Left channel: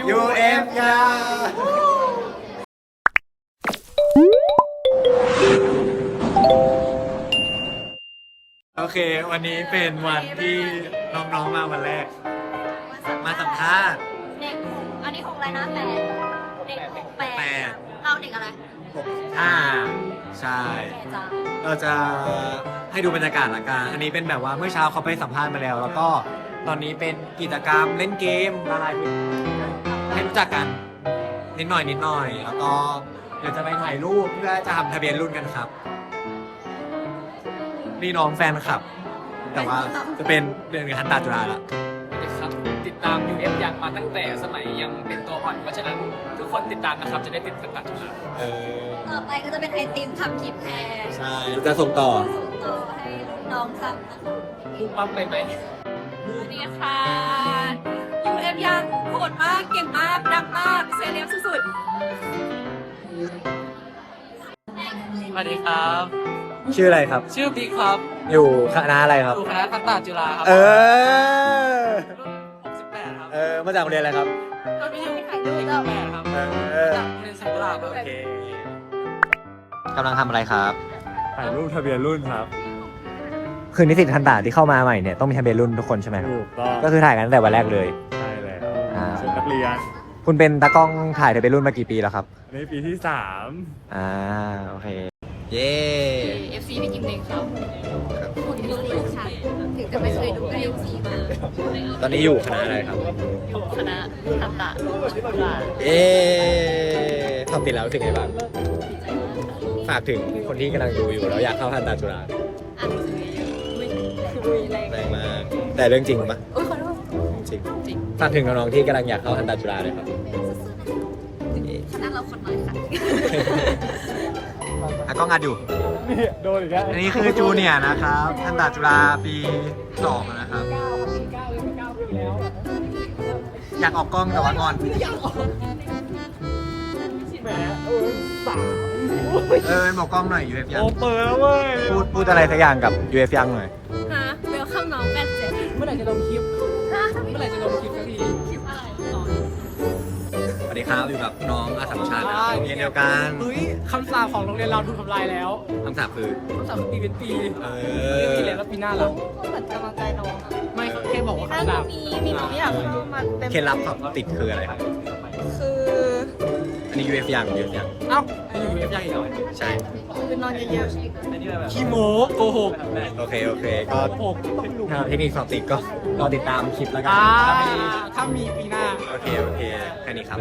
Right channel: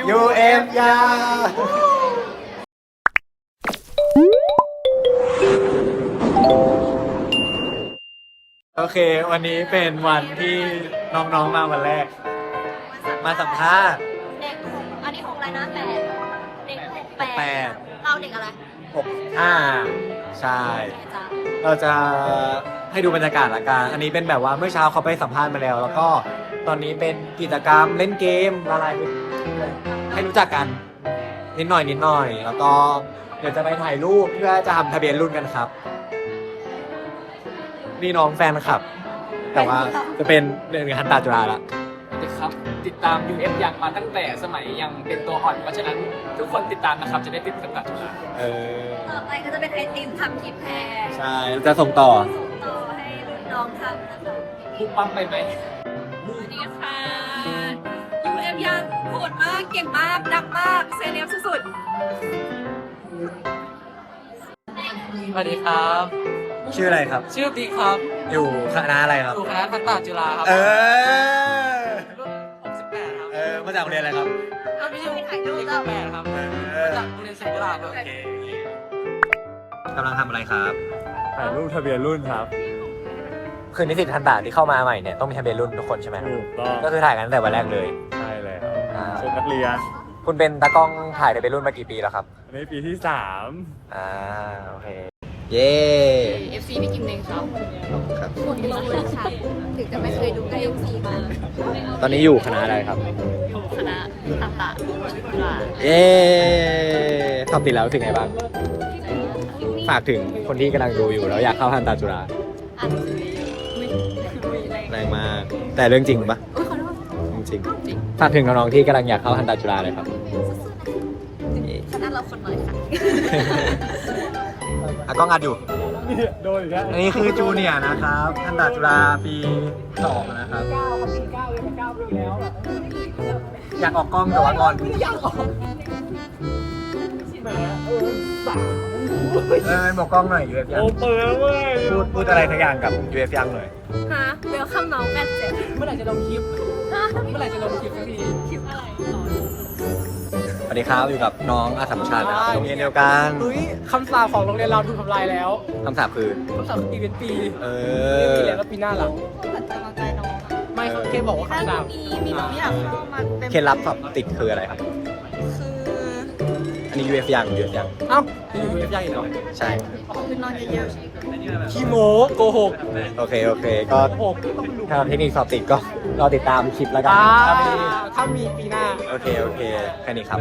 UF ยาโอเค วันนี้เป็นวันที่น้องๆมาวันแรก มาสัมภาษณ์ เด็กหกอันนี้หกอะไรนะแปดเด็กหกแปดแปดเราเด็กอะไร6 5ใช่ จ้าเราจะให้ดูบรรยากาศละกัน อันนี้เป็นแบบว่าเมื่อเช้าเขาไปสัมภาษณ์มาแล้ว แล้วก็ตอนนี้เป็นกิจกรรมเล่นเกมอะไร ให้รู้จักกันนิดหน่อยนิดหน่อย แล้วก็เดี๋ยวจะไปถ่ายรูปเพื่อจะทำทะเบียนรุ่นกันครับ นี่น้องแฟนคลับ แต่ว่าจะเป็นเดือนฮันตาจุฬาละ ครับติดตาม UF ยังมาตั้งแต่สมัยยังเป็นตัวอ่อน เพราะฉะนั้นทุกคนติดตามนะครับจะได้ติดกับจุฬาเออ ต่อไปก็จะเป็นไอติมทำคลิปแทนใช่ จะส่งต่อ ส่งต่อให้รุ่นน้องทำนะคะพุ่งปั๊มไปไหม สวัสดีค่ะ UF ยังโหดมาก เก่งมาก ดังมาก เซเลบสุดสวัสดีครับ ชื่ออะไรครับ ชื่อบิ๊กครับอยู่คณะอะไรครับ อยู่คณะทันตาจุฬาครับเออ68ครับเออมาจากโรงเรียนอะไรครับก็ไม่ใช่แข่งที่68ครับมาจากโรงเรียนเซกุลาครับกำลังทำอะไรครับถ่ายรูปทะเบียนรุ่นครับ คือนิสิตทันตาที่เข้ามาใหม่เนี่ยต้องมีทะเบียนรุ่นทุกคนใช่ไหมถูกต้องก็คือถ่ายกันตั้งแต่วันแรกเลยใช่แล้วชุดนักเรียน คุณเป็นตากล้องถ่ายทะเบียนรุ่นมากี่ปีแล้วครับ อันนี้ปีที่สามอ่าโอเคเย้ เอฟซีพี่กิมเลงเขาคุณลงเลยค่ะ ถึงจะไม่เคยดูก็เอฟซีค่ะตอนนี้อยู่คณะอะไรครับ อยู่คณะทำตะจุฬาเย้ทำติดแล้วถึงไงบ้าง ฝากถึงคนที่กำลังดูอยู่แล้วอยากเข้าทันตาจุฬาอ่านหนังสือแรงมาก แต่เรื่องจริงปะ โอ้ ยขอโทษจริง ฝากถึงน้องๆที่กำลังอยากเข้าทันตาจุฬาเลยครับคณะเราคนน้อยค่ะ อะกล้องอัดอยู่นี่โดนอีกแล้วอันนี้คือจูเนียร์นะครับทันตาจุฬาปีสองนะครับ9ครับปี9เลยมา9ปีแล้ว อยากออกกล้องแต่ว่างอนแหมเออสามเออบอกกล้องหน่อย UF ยังโอ้เปิดแล้วเว้ยพูดพูดอะไรสักอย่างกับ UF ยังหน่อยๆฮะเวลคัมน้องแปดเจ็ดเมื่อไหร่จะลงคลิป ดีครับ อยู่กับน้องอาสัมชัญนะครับโรงเรียนเดียวกันเฮ้ยคำสาปของโรงเรียนเราถูกทำลายแล้วคำสาปคือคำสาปคือปีเป็นปีเอปีเป็นปีอแล้วแล้วปีหน้าล่ะเหมือนกำลังใจน้องอะไม่เขาแค่บอกว่าถ้าคำสาปมีมีน้องที่อยากเข้ามาเป็นเคล็ดลับสอบติดคืออะไรครับ คือ อันนี้ UF ยัง UF ยังเอ้ามีอยู่ UF ยังอีกเหรอใช่ คือนอนเยอะขี้โมโกหกโอเค โอเค ก็โกหกถ้าเทคนิคสอบติดก็รอติดตามคลิปแล้วกันอ่าถ้ามีถ้ามีปีหน้า โอเค โอเค แค่นี้ครับ